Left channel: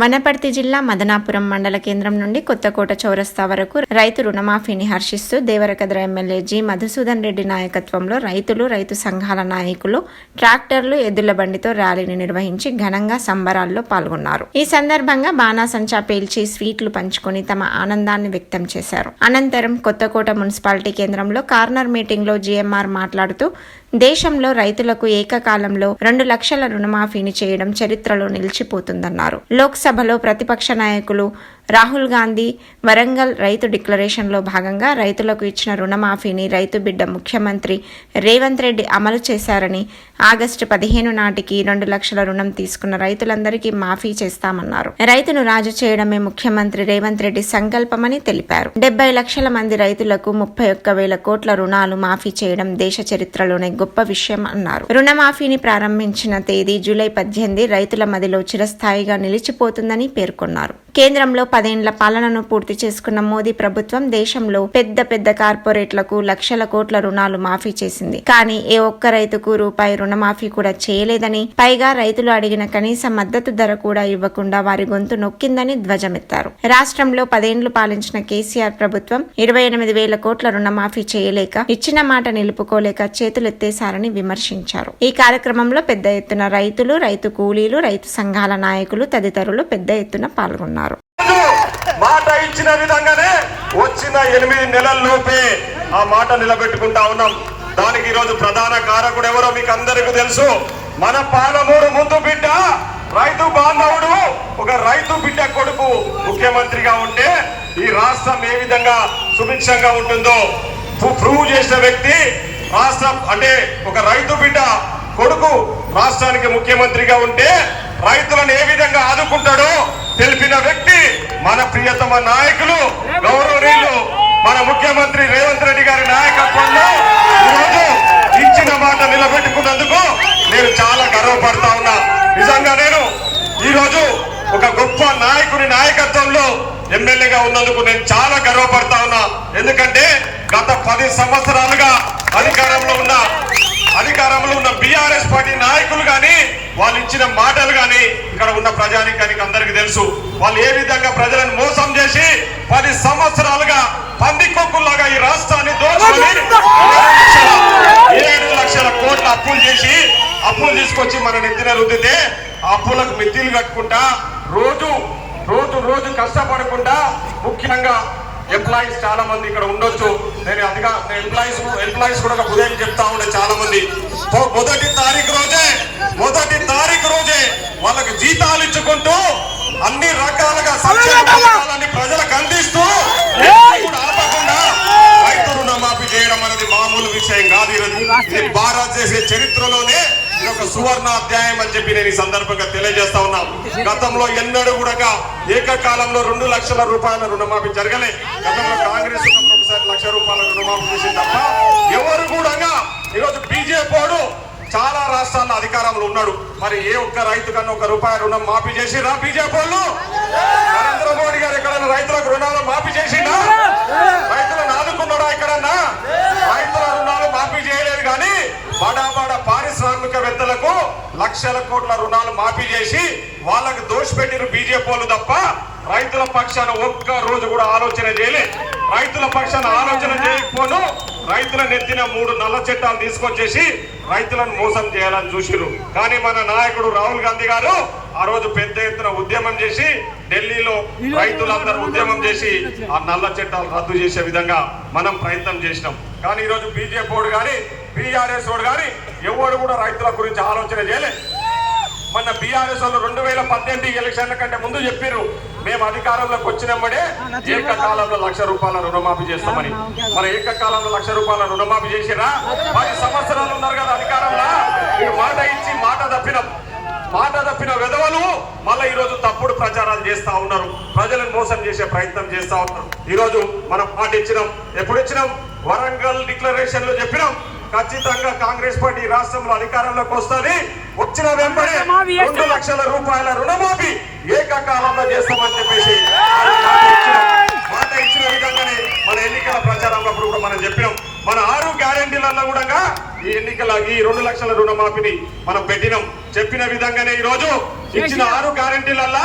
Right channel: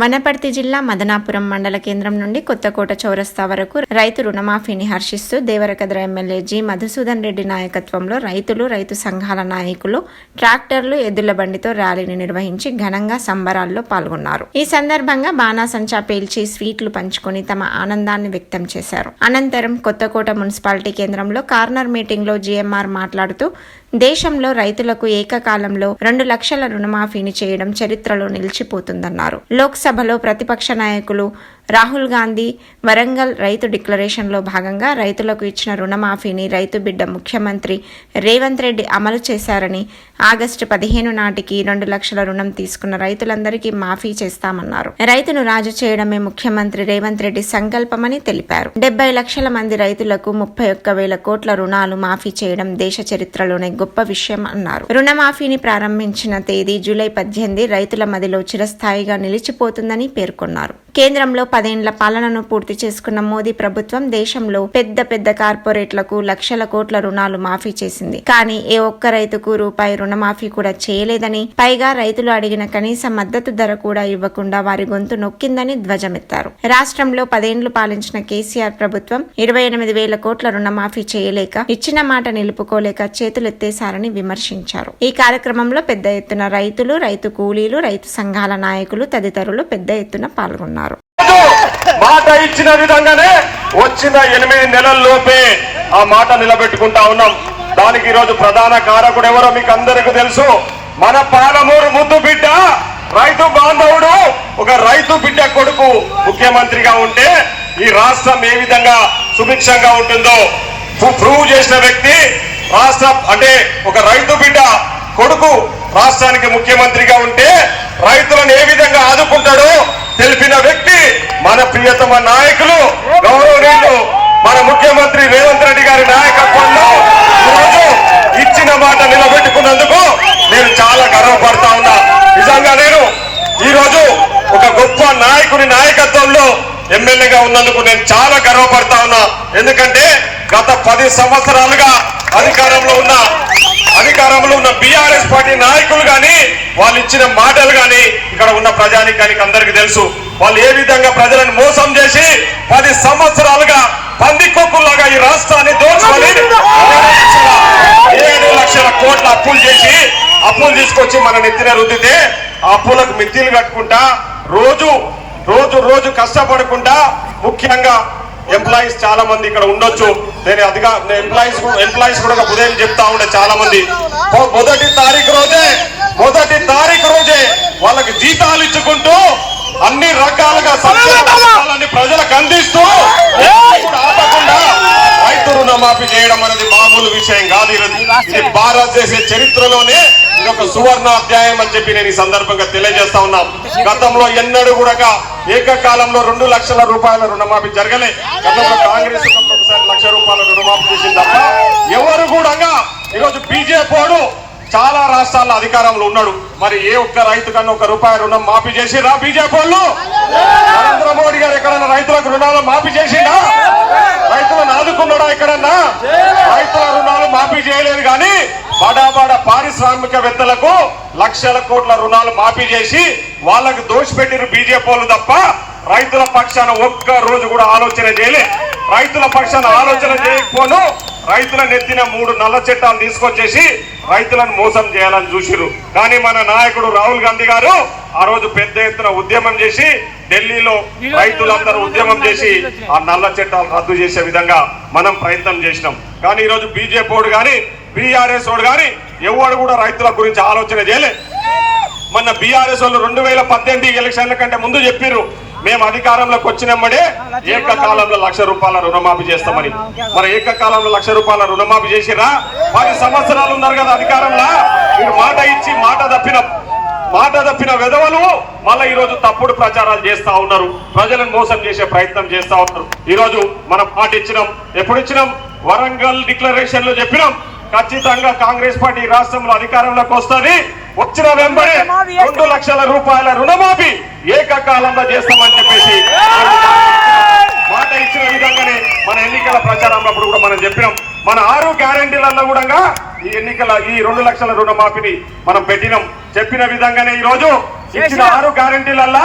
వనపర్తి జిల్లా మదనాపురం మండల కేంద్రం నుండి కొత్తకోట చౌరస్తా వరకు రైతు రుణమాఫీని హర్షిస్తూ దేవరకద్ర ఎమ్మెల్యే జి. మధుసూదన్ రెడ్డి నాయకత్వంలో రైతులు రైతు సంఘాల నాయకులు ట్రాక్టర్లు ఎద్దుల బండితో ర్యాలీని నిర్వహించి ఘనంగా సంబరాల్లో పాల్గొన్నారు. ఈ సందర్భంగా బాణాసంచా పేల్చి స్వీట్లు పంచుకొని తమ ఆనందాన్ని వ్యక్తం చేశారు. అనంతరం కొత్తకోట మున్సిపాలిటీ కేంద్రంలో కార్నర్ మీటింగ్లో జీఎంఆర్ మాట్లాడుతూ దేశంలో రైతులకు ఏకకాలంలో రెండు లక్షల రుణమాఫీని చేయడం చరిత్రలో నిలిచిపోతుందన్నారు. లోక్సభలో ప్రతిపక్ష నాయకులు రాహుల్ గాంధీ వరంగల్ రైతు డిక్లరేషన్లో భాగంగా రైతులకు ఇచ్చిన రుణమాఫీని రైతు బిడ్డ ముఖ్యమంత్రి రేవంత్ రెడ్డి అమలు చేశారని ఆగస్టు పదిహేను నాటికి రెండు లక్షల రుణం తీసుకున్న రైతులందరికీ మాఫీ చేస్తామన్నారు. రైతును రాజు చేయడమే ముఖ్యమంత్రి రేవంత్ రెడ్డి సంకల్పమని తెలిపారు. డెబ్బై లక్షల మంది రైతులకు ముప్పై ఒక్క వేల కోట్ల రుణాలు మాఫీ చేయడం దేశ చరిత్రలోనే గొప్ప విషయం అన్నారు. రుణమాఫీని ప్రారంభించిన తేదీ జూలై పద్దెనిమిది రైతుల మదిలో చిరస్థాయిగా నిలిచిపోతుందని పేర్కొన్నారు. కేంద్రంలో పదేండ్ల పాలనను పూర్తి చేసుకున్న మోదీ ప్రభుత్వం దేశంలో పెద్ద పెద్ద కార్పొరేట్లకు లక్షల కోట్ల రుణాలు మాఫీ చేసింది. కానీ ఏ ఒక్క రైతుకు రూపాయి రుణమాఫీ కూడా చేయలేదని పైగా రైతులు అడిగిన కనీస మద్దతు ధర కూడా ఇవ్వకుండా వారి గొంతు నొక్కిందని ధ్వజమెత్తారు. రాష్ట్రంలో పదేండ్లు పాలించిన కేసీఆర్ ప్రభుత్వం ఇరవై ఎనిమిది వేల కోట్ల రుణమాఫీ చేయలేక ఇచ్చిన మాట నిలుపుకోలేక చేతులెత్తేశారని విమర్శించారు. ఈ కార్యక్రమంలో పెద్ద ఎత్తున రైతులు రైతు కూలీలు రైతు సంఘాల నాయకులు తదితరులు పెద్ద ఎత్తున పాల్గొన్నారు. మాట ఇచ్చిన విధంగానే వచ్చిన ఎనిమిది నెలల్లోపే ఆ మాట నిలబెట్టుకుంటా ఉన్నాం. దానికి ఈరోజు ప్రధాన కారకుడు ఎవరో మీకు అందరికీ తెలుసు. మన పాలమూరు ముందు బిడ్డ రైతు బాంధవుడు ఒక రైతు బిడ్డ కొడుకు ముఖ్యమంత్రిగా ఉంటే ఈ రాష్ట్రం ఏ విధంగా సుభిక్షంగా ఉంటుందో ప్రూవ్ చేసిన వ్యక్తి రాష్ట్రం అంటే ఒక రైతు బిడ్డ కొడుకు రాష్ట్రానికి ముఖ్యమంత్రిగా ఉంటే రైతులను ఏ విధంగా ఆదుకుంటాడో తెలిపిన వ్యక్తి మన ప్రియతమ నాయకులు గౌరవనీయులు మన ముఖ్యమంత్రి రేవంత్ రెడ్డి గారి నాయకత్వంలో ఇచ్చిన మాట నిలబెట్టుకున్నందుకు నేను చాలా గర్వపడతా ఉన్నా. నిజంగా నేను ఈరోజు ఒక గొప్ప నాయకుని నాయకత్వంలో ఎమ్మెల్యేగా ఉన్నందుకు నేను చాలా గర్వపడతా ఉన్నా. ఎందుకంటే గత పది సంవత్సరాలుగా అధికారంలో ఉన్న అధికారంలో ఉన్న బీఆర్ఎస్ పార్టీ నాయకులు గాని వాళ్ళు ఇచ్చిన మాటలు గాని ఇక్కడ ఉన్న ప్రజానికానికి అందరికి తెలుసు. వాళ్ళు ఏ విధంగా ప్రజలను మోసం చేసి పది సంవత్సరాలుగా పందికొక్కులాగా ఈ రాష్ట్రాన్ని దోచుకొని ఏడు లక్షల కోట్ల అప్పులు చేసి అప్పులు తీసుకొచ్చి మన నెత్తిన రుద్దితే అప్పులకు మిత్తిలు కట్టుకుంటా రోజు రోజు రోజు కష్టపడకుండా ముఖ్యంగా ఎంప్లాయీస్ చాలా మంది ఇక్కడ ఉండొచ్చు. నేను అదిగా ఎంప్లాయీస్ ఎంప్లాయీస్ కూడా ఉదయం చెప్తా ఉండే చాలా మంది. మొదటి తారీఖు రోజే మొదటి తారీఖు రోజే వాళ్ళకి జీతాలు ఇచ్చుకుంటూ అన్ని రకాలుగా సంక్షేమ పథకాలన్నీ ప్రజలకు అందిస్తూ ఆపకుండా రైతు రుణమాఫీ చేయడం అనేది మామూలు విషయం కాదు ఈరోజు. భారతదేశ చరిత్రలోనే ఇది ఒక సువర్ణ అధ్యాయం అని చెప్పి నేను ఈ సందర్భంగా తెలియజేస్తా ఉన్నాం. గతంలో ఎన్నడూ కూడా ఏకకాలంలో రెండు లక్షల రూపాయల రుణమాఫీ జరగలే. గతంలో కాంగ్రెస్ ఒకసారి లక్ష రూపాయల రుణమాఫీ చేసింది తప్ప ఎవరు కూడా ఈరోజు బీజేపీ చాలా రాష్ట్రాల్లో అధికారంలో ఉన్నాడు. మరి ఏ ఒక్క రైతు కన్నా ఒక రూపాయి రుణం మాఫీ చేసిరా బీజేపీ వాళ్ళు? నరేంద్ర మోడీ గారు ఎక్కడన్నా రైతులకు రుణాలు మాఫీ చేసి రైతులను ఆదుకున్నాడా ఎక్కడన్నా? రైతుల రుణాలు మాఫీ చేయలేదు కానీ బడా పారిశ్రామికవేత్తలకు లక్షల కోట్ల రుణాలు మాఫీ చేసి వాళ్ళకు దోషపెట్టిన బీజేపీ వాళ్ళు తప్ప రైతుల పక్షాన ఒక్క రోజు కూడా ఆలోచన చేయలే. రైతుల పక్షాన ఆలోచన చేయకపోను. రైతుల నెత్తిన మూడు నల్ల చట్టాలు తీసుకొచ్చేసి రైతులను మోసం చేయాలని చూసిరు కానీ మన నాయకుడు రాహుల్ గాంధీ గారు ఆ రోజు పెద్ద ఎత్తున ఉద్యమం చేసి ఢిల్లీలో రైతులందరూ ఉద్యమం చేసి ఆ నల్ల చట్టాలు రద్దు చేసే విధంగా మనం ప్రయత్నం చేసినాం. కానీ ఈ రోజు బీజేపీ వాడు కానీ బీఆర్ఎస్ వాడు కానీ ఎవడు కూడా రైతుల గురించి ఆలోచన చేయలే. మొన్న బీఆర్ఎస్ వాళ్ళు రెండు వేల పద్దెనిమిది ఎలక్షన్ల కంటే ముందు చెప్పారు మేము అధికారంలోకి వచ్చినమ్మడే ఏకకాలంలో లక్ష రూపాయల రుణమాఫీ చేస్తామని. మరి ఏకకాలంలో లక్ష రూపాయల రుణమాఫీ చేసిరా పది సంవత్సరాలు ఉన్నారు కదా అధికారంలో. మీరు మాట ఇచ్చి మాట తప్పిన మాట తప్పిన విధవలు మళ్ళీ ఈ రోజు తప్పుడు ప్రచారాలు చేస్తా ఉన్నారు. ప్రజలను మోసం చేసే ప్రయత్నం చేస్తా ఉన్నారు. ఈ రోజు మనం మాట ఇచ్చినాం ఎప్పుడు ఇచ్చినాం వరంగల్ డిక్లరేషన్లో చెప్పినాం. ఖచ్చితంగా కాంగ్రెస్ పార్టీ రాష్ట్రంలో అధికారంలోకి వస్తుంది. వచ్చిన వెంబడే రెండు లక్షల రూపాయల రుణమాఫీ ఏకకాలంలో చేస్తామని చెప్పేసి మాట ఇచ్చిన విధంగానే మన ఎన్నికల ప్రచారంలో అప్పుడు కూడా మనం చెప్పినాం. మన ఆరు గ్యారంటీలలో కూడా ఈ ఎన్నికల ఈ రెండు లక్షల రుణమాఫీని మనం పెట్టినాం. చెప్పిన విధంగానే ఈ రోజు ఇచ్చిన ఆరు గ్యారంటీలల్లా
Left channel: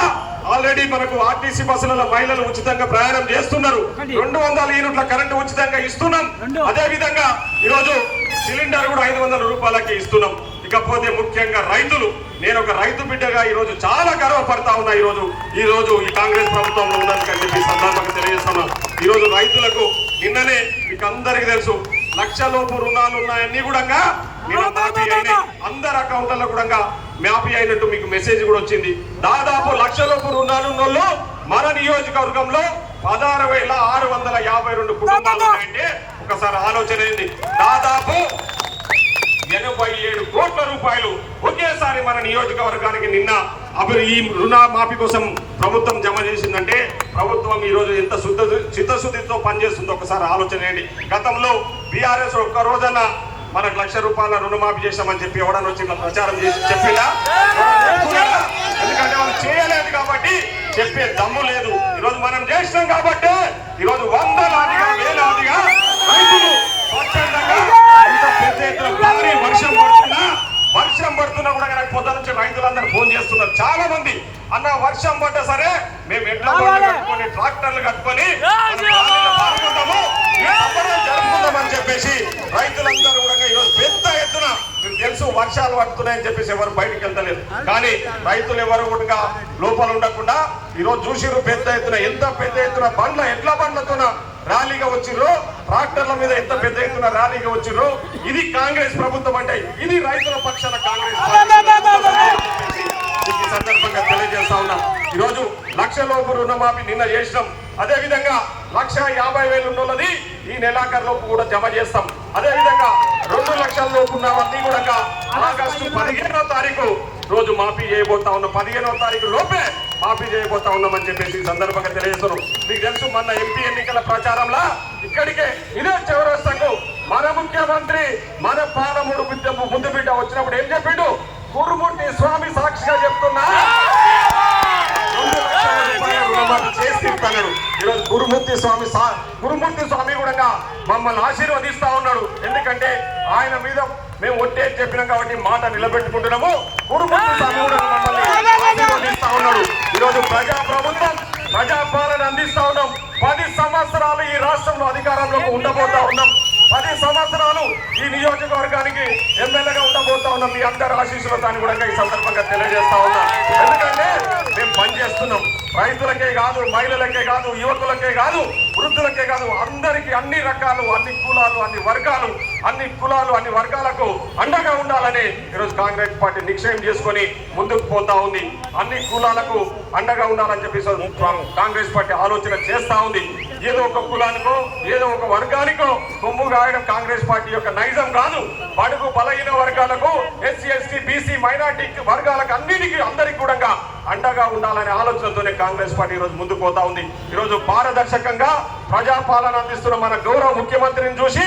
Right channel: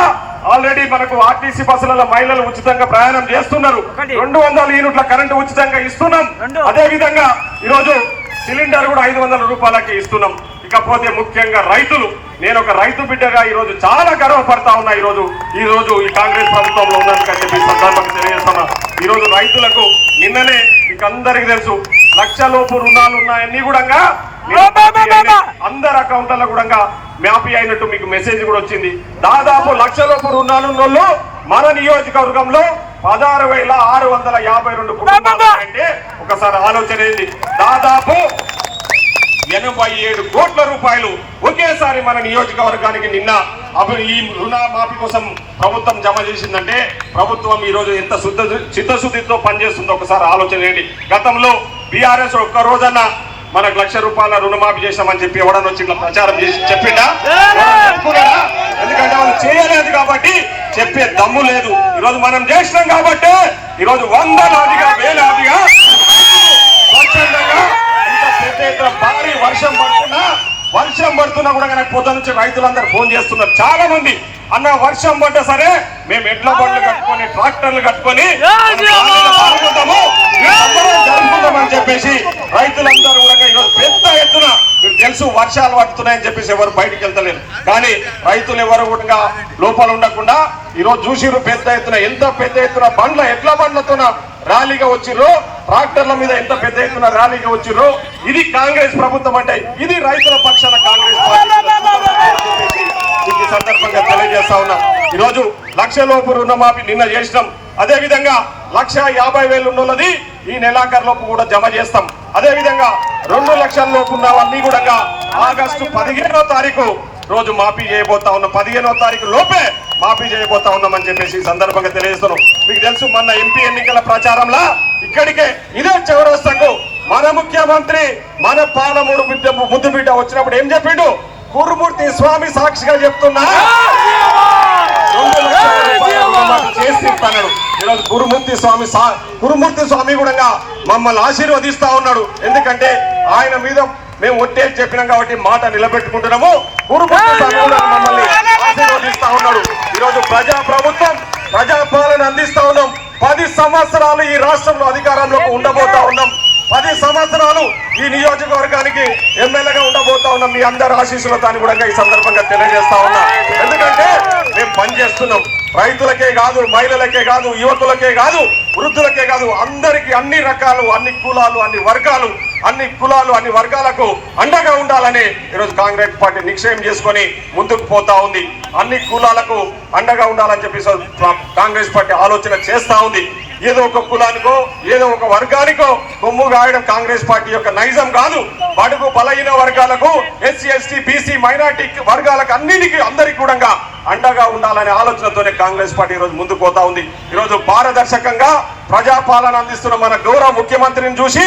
ఆల్రెడీ మనకు ఆర్టీసీ బస్సులలో మహిళలు ఉచితంగా ప్రయాణం చేస్తున్నారు. రెండు వందల యూనిట్ల కరెంటు ఉచితంగా ఇస్తున్నాం. అదే విధంగా ఈరోజు సిలిండర్ కూడా ఐదు వందల రూపాయలకి ఇస్తున్నాం. ఇకపోతే ముఖ్యంగా రైతులు. నేను ఒక రైతు బిడ్డగా ఈ రోజు చాలా గర్వపడతా ఉన్నా ఈ రోజు ఈ రోజు ఈ కాంగ్రెస్ ప్రభుత్వంలో ఉన్నందుకని చెప్పి ఈ సందర్భంగా తెలియజేస్తున్నా. ఈ రోజు రైతులకు నిన్ననే మీకు అందరికీ తెలుసు లక్ష లోపు రుణాలు ఉన్నాయన్నీ కూడా అందరి అకౌంట్లలో కూడా మ్యాపీ అయినట్టు మీకు మెసేజ్ కూడా వచ్చింది. దాదాపు లక్ష లోపు రుణాలు ఉన్నోళ్ళు మన నియోజకవర్గంలో పదహారు వేల ఆరు వందల యాభై రెండు కుటుంబాలు అంటే ఒకసారి ఆలోచన ఏంటి దాదాపు ఎనభై ఏడు కోట్ల రూపాయలు ఒకేసారి మన నియోజకవర్గానికి నిన్న అప్పుడు ఈ రుణమాఫీ కోసం ప్రభుత్వం జమ చేసిందంటే ప్రభుత్వం ఈరోజు ఎంత శుద్ధ చిత్తశుద్ధితో పనిచేస్తుందో ఒకసారి ఆలోచన చేయండి. గతంలో బీఆర్ఎస్ ఒక్క రోజన్న మనకు లక్ష రూపాయల రుణమాఫీ చేశామని చెప్పి ఎవడన్నా వచ్చి ప్రచారం చేసి చెప్పిందా ఎందుకంటే వాళ్ళు చేయలేదు కాబట్టి చెప్పే దమ్ము లేదు. ఈరోజు మనం చేసినాం కాబట్టి ఈరోజు వందలాదిగా వేలాదిగా స్వచ్ఛందంగా ఇంత పెద్ద ఎత్తున భారీ వర్షం పడుతున్నా వర్షం పడుతున్నా కూడా నాకు పొద్దు నుంచి రైతులందరూ ఫోన్ చేస్తున్నారు. చాలా మంది. అన్న వర్షం పడ్డా సరే మేము కట్టుకొని ట్రాక్టర్లు కట్టుకొని చెప్పేసి రైతులందరూ కూడా ఈరోజు పెద్ద ఎత్తున మీకు తెలుసు వర్షాలు పడుతున్నాయని చెప్పేసి ఎవరు బయటికి వెళ్తలేరు. కానీ రైతులు ఎవరు కూడా లోపల ఉండకుండా ఈరోజు చూసిరు పెద్ద ఎత్తున ఎంత పెద్ద ఎత్తున బండ్ల ఎట్లా బండ్లతోన ర్యాలీగా వచ్చిర్రు? ట్రాక్టర్ల మీద ఎంత పెద్ద ఎత్తున ర్యాలీగా వచ్చిర్రు? ఇది కాంగ్రెస్ ప్రభుత్వం అంటే ఇది రైతుల పక్షాన కాంగ్రెస్ పార్టీ మీకు ఈ సందర్భంగా తెలియజేస్తా ఉన్నాం లక్షలోపు లక్ష లోపు రుణమాఫీ నిన్న చేసినాం. అదే విధంగా లక్ష యాభై వేలు ఉన్నది ఈ నెలాఖరు లోపు కూడా జమ చేస్తాం. అదే విధంగా రెండు లక్షల లోపు ఉన్న వాళ్ళని కూడా ఆగస్టు పదిహేనో తారీఖు రోజు మాఫీ చేయబోతా ఉన్నాం. పదిహేనో తారీఖు లోపే మాఫీ చేయబోతా ఉన్నామని చెప్పేసి ఈ సందర్భంగా తెలియజేస్తున్నాం. మీకు తెలుసు మొన్న ఎంపీ ఎన్నికల ప్రచారంలో ఇక్కడికే ఇదే చౌరస్తకు మన ముఖ్యమంత్రి మన పాలమూడు ముద్దు బిడ్డ వచ్చినప్పుడు ఏం చెప్పిండు? గురుమూర్తి స్వామి సాక్షిగా చెప్తున్నా రెండు లక్షల రూపాయల రుణమాఫీ చేసి ఈరోజు గురుమూర్తి స్వామి గురుమూర్తి స్వామి కూడా మమ్మల్ని ఆశీర్వదిస్తా ఉన్నాడు. ఎందుకంటే ఆయన మీద మేము ఒట్టే చెప్పినాం కాబట్టి మాట నిలబెట్టుకుంటున్నాము. గురుమూర్తి స్వామి కూడా మమ్మల్ని ఆశీర్వదిస్తా ఉన్నాడు. ఈరోజు ప్రజా ప్రభుత్వం ప్రజాపాలన అందిస్తా ఉన్నాం. పది సంవత్సరాలు ఈ రాష్ట్రంలో అధికారంలోకి ఉండబోతా ఉన్నాం. పది సంవత్సరాలు ఈ నియోజకవర్గానికి ఎమ్మెల్యేగా ఉండబోతా ఉన్నాం మీ అందరి ఆశీస్సులతో అని కూడా ఈ సందర్భంగా తెలియజేస్తా ఉన్నా. ఎందుకంటే మేము పనిచేస్తున్నాం. రైతులకే కాదు మహిళలకే కాదు యువకులకే కాదు వృద్ధులకే కాదు అందరికీ అన్ని రకాలు అన్ని కులాలు అన్ని వర్గాలు అన్ని కులాలు అన్ని వర్గాలకు అండగా ఉండాలని ఈరోజు కాంగ్రెస్ పార్టీ నిశ్చయం చేసుకొని ముందుకు పోతా ఉంది. అన్ని కులాలకు అండగా ఉండాలని చెప్పి కాంగ్రెస్ పార్టీ ఆలోచన చేస్తా ఉంది. ఏదో ఒక కులానికో ఏదో ఒక వర్గానికో కొమ్ము గాయడం కాంగ్రెస్ పార్టీ యొక్క నైజం కాదు. బడుగు బలహీన వర్గాలకు ఎస్సీ ఎస్టీ బీసీ మైనార్టీ వర్గాలకు అన్నిటికీ అందరికీ కూడా అండగా ఉండాలనే ఆలోచనతోనే కాంగ్రెస్ పార్టీ ఈరోజు ముందు పోతా ఉంది. ఈరోజు పారదర్శకంగా ప్రజాపాలన అందిస్తున్న మన గౌరవ ముఖ్యమంత్రిని చూసి